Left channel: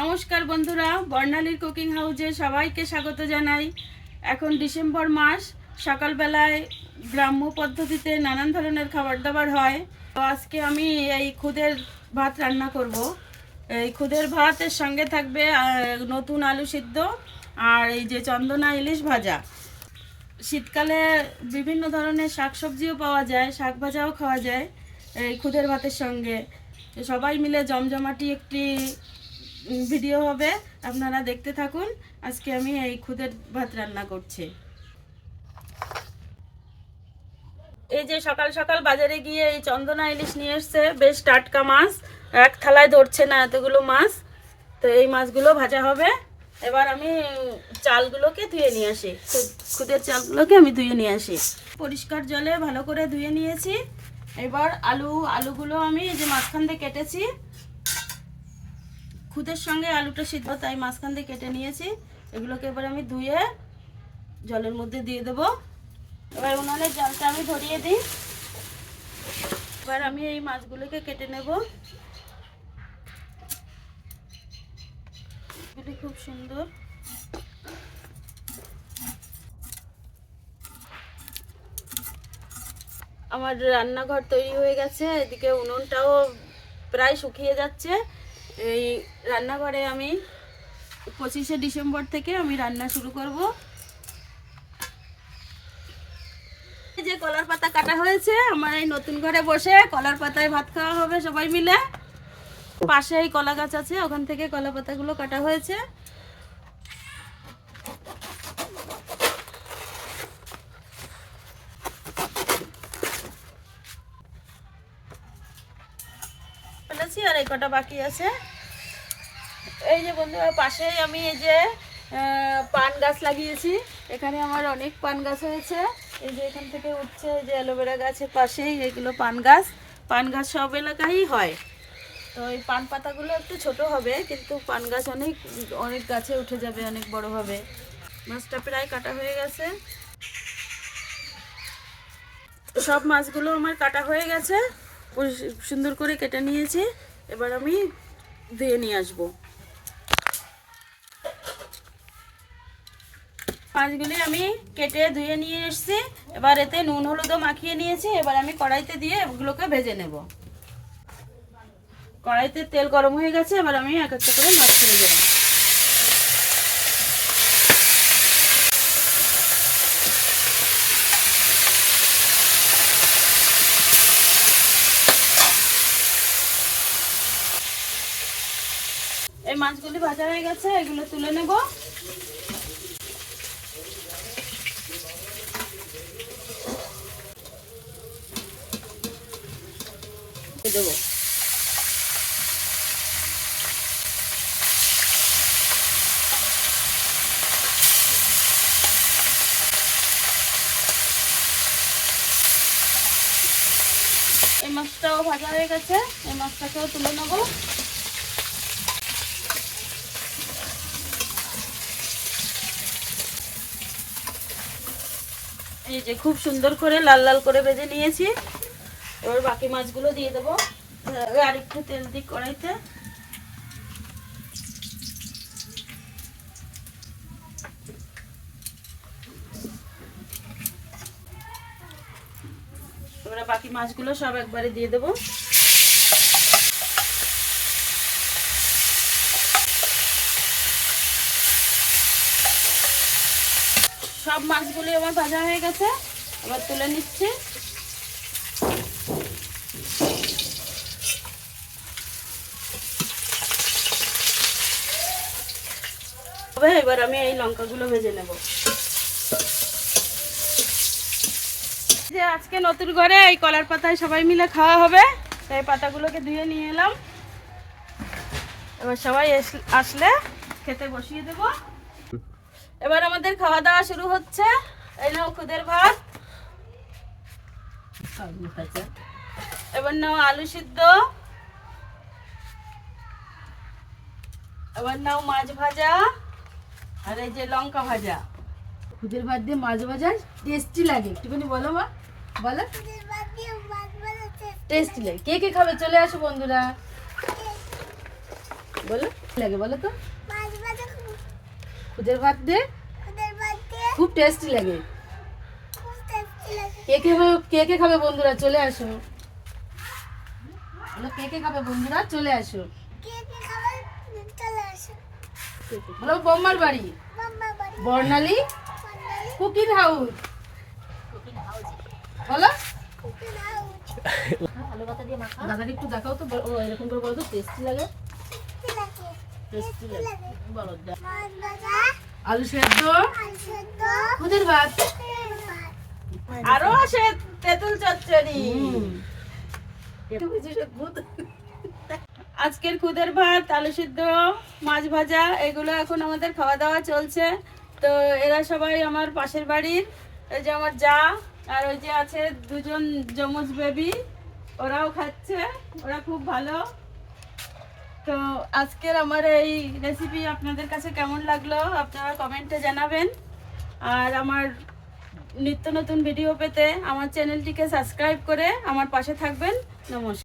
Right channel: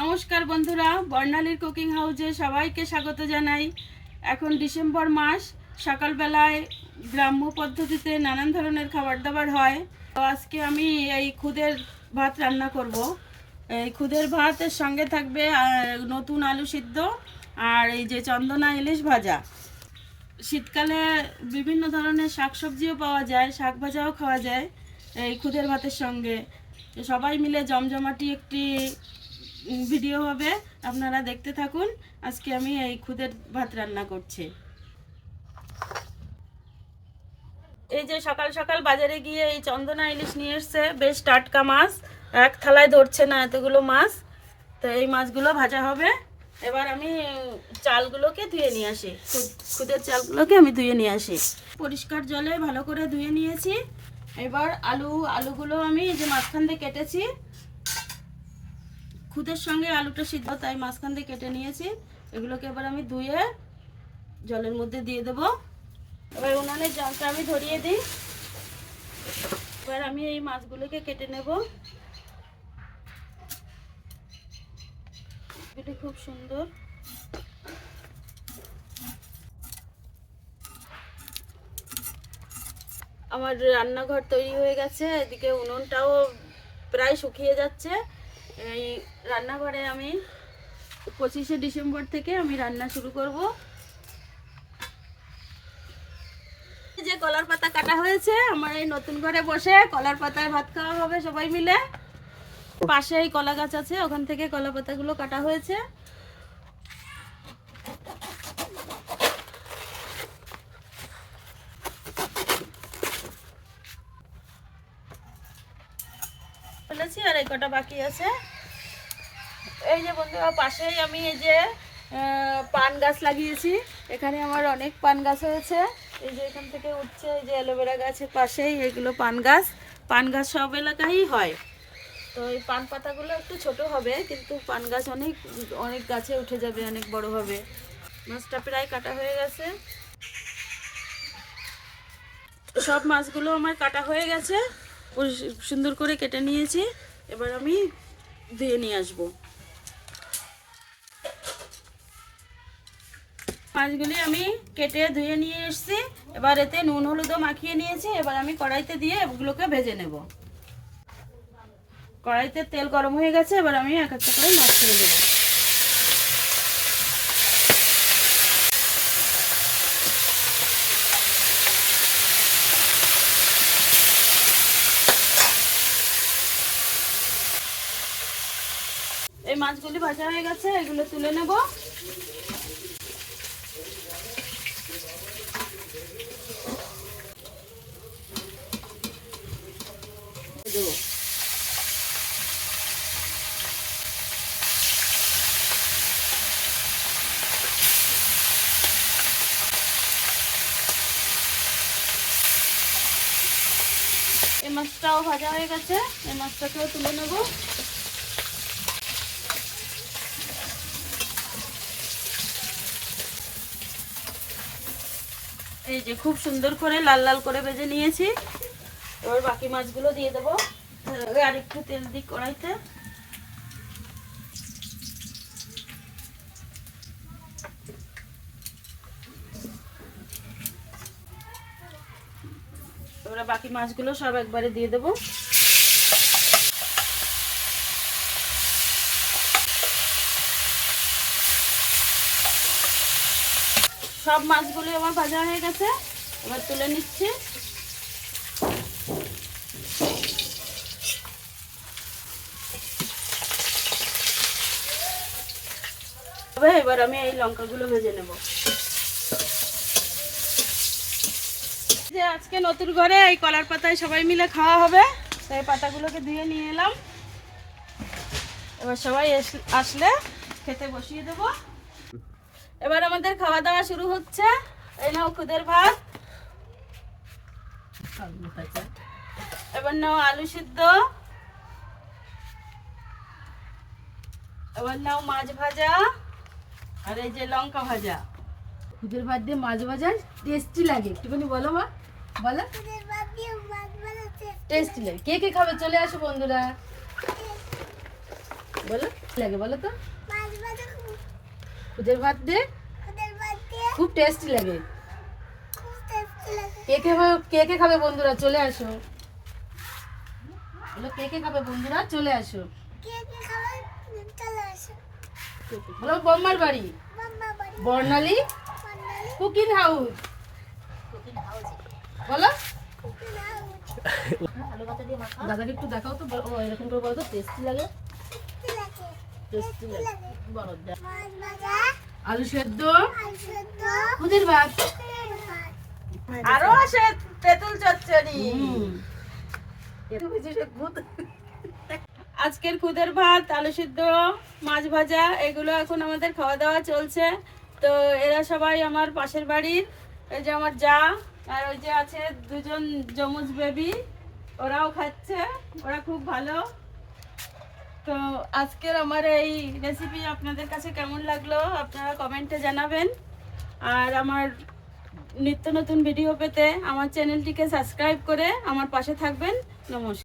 নমস্কার বন্ধুরা, বর্ণালীর কুকিং হাউসে সবাইকে স্বাগত জানাই। এখন ডিসেম্বর মাস, সকালবেলায় গ্রাম্য পদ্ধতিতে নানান ধরনের খাবার দাবার হয়। তো আজকে আমি এই খুদের ভাত রান্না করব। এই খুদের ভাতের সঙ্গে থাকবে নতুন আলু সিদ্ধ আর এই যে চন্দনা ইলিশ ভাজা। শীতকালে বিভিন্ন ধরনের শাকসবজিও পাওয়া যায়, শাক ভাজাও খাওয়া যায় এই খুদের ভাতের সঙ্গে। সবাই মিলে জমজমাটি একটি ভিডিও হবে, আপনারা দেখতে থাকুন। আজকে আমি এই খুদের ভাত রান্না করছি। এই যে সকাল সকাল বাজারে গিয়ে এই চন্দনা ইলিশ নিয়ে এসছে, বেশ টাটকা মাছ। এক থালায় ধরছে না এতগুলো মাছ। তো এই মাছগুলো ভাজা হবে। এবার আমি চালগুলোকে ধুয়ে নিয়ে আসি। খুদ- খুদের চালগুলোকে আমি ধুয়ে নিয়ে আসি। পরিষ্কার জলে ভালো করে ধুয়ে নিয়েছি। এবার আলু, আলুগুলো আমি যে মাঝখান দিয়ে কেটেছি। খুদের সঙ্গে আলুটা সিদ্ধ, তাই মাঝখান দিয়ে কেটে নিয়েছি। এগুলোকে এবার আমি ধুয়ে জলের মধ্যে দিয়ে দেবো। এবার উনানের জলটা আমি ধরিয়ে দিই। এবার আমি এই মাছগুলোকে কেটে নেব। খুব সুন্দর। আমার রান্নাঘর তৈরি হয়ে গেছে, এদিকে উনুনটাও প্রায় শুকিয়ে যাচ্ছে। এই রান্নাঘরে আমি পঁচিশে ডিসেম্বর থেকে আমি রান্না শুরু করব। যে কলার পাতা কাটা হয়েছে, আমার এই নতুন ঘরে বসে কলার পাতায় ভাত খাওয়া হবে সবাই মিলে। পাশে এই কলা গাছ আছে, ওখান থেকে কলা পাতাগুলো কাটা হয়েছে। ফেলেছি আর এই কটা বাকি আছে। এই যে বন্ধুরা, পাশেই আমি এই যে পান গাছ লাগিয়েছি। এখানে আমার অনেক পান গাছ হয়েছে। এই যে এখান থেকে উঠছে এই যে অ্যালোভেরা গাছের পাশেই এগুলো পান গাছ। পান গাছ সব এলাকায়ই হয়। তো এই পান পাতাগুলো একটু ছোট হবে, কিন্তু পান গাছ অনেক অনেক গাছে উঠে যাবে, অনেক বড় হবে। মাছটা প্রায় কাটা হয়ে গেছে। সব মাছগুলো আমার কাটা হয়ে গেছে। সুন্দর করে কেটে নিয়েছি। এবার আমি ধুয়ে নিয়ে আসব। মাছগুলি আমি কেটে ধুয়ে নিয়ে এসেছি। এবার এতে নুন হলুদও মাখিয়ে নিয়েছি। এবার আমি কড়াইতে দিয়ে এগুলোকে ভেজে নেব। কড়াইতে তেল গরম হয়ে গেছে। এবার আমি এক একটা করে মাছ ছেড়ে দেবো। মাছগুলি ভাজা হয়ে গেছে, এগুলো তুলে নেব। এই মাছটাও ভাজা হয়ে গেছে, এই মাছটাকেও তুলে নেব। এই যে খুব সুন্দর করে লাল লাল করে ভেজে নিয়েছি। এবার বাকি মাছগুলো দিয়ে দেবো। আর একটু তেল দিই কড়াইতে। এবার বাকি মাছগুলো সব একবারে দিয়ে দেবো। সব মাছগুলো আমার ভাজা হয়ে গেছে। এবার তুলে নিচ্ছি। এবার আমি এই লঙ্কাগুলো ভেজে নেব। যে আজকে নতুন ঘরে এই কলার পাতায় সবাই মিলে খাওয়া হবে, তাই পাতাগুলোকে ধুয়ে নিয়ে এলাম। এবার সবাই আসলে খেতে বসিয়ে দেবো। এবার আমাদের খাওয়া দাওয়া শুরু হচ্ছে। এই নাও খুদের ভাত। এবার নাও আলু সিদ্ধ। এবার নাও মাছ ভাজা আর এই যে লঙ্কা ভাজা। খুদের ভাত দিয়ে মাছ ভাজা টেস্টি লাগে। একটুখানি বলো মা বলো। টেস্টি লাগে। কে কে খাবে? চলে আসো বন্ধুরা। বলো। কি লাগে বলো তো? খুদের ভাত বাড়িতে খুব টেস্টি লাগে। খুব টেস্টি লাগে। কে কে খাবে- কে কে খাবে বন্ধুরা? চলে আসো। বলো কে কে খাবে বন্ধুরা? চলে আসো। কে কে খাবার চলে আসো। বলো বম্মার বাড়ি? বর্ণালী? Cooking house. বলো। দাদাকে একটু দেখাও তো ও এরকম করে বলো তো টেস্টি লাগে টেস্টি লাগে টেস্টি লাগে লাগে বলো দে- মাছ ভাজা আলু সেদ্ধ? আর খুদের ভাত? আরও আছে তেঁতুল চচ্চড়ি। আজকের খুদের ভাত আলু সিদ্ধ মাছ ভাজা এগুলো এখন আমাদের খাওয়া দাওয়া চলছে। তো এরা সবাই আমার পাশের বাড়ির। এই যে আমার যা আর ওই যে আছে দুজন যমজ বেবি ওরাও খাচ্ছে ওরা খুব ভালো। তো আজকের আমার এই রেসিপি আপনাদের কাছে কেমন লাগল আপনারা কমেন্টে জানাবেন। আর আমার নিত্য নতুন ভিডিও পেতে আমার চ্যানেলটিকে সাবস্ক্রাইব করে আমার পাশে থাকবেন। নমস্কার।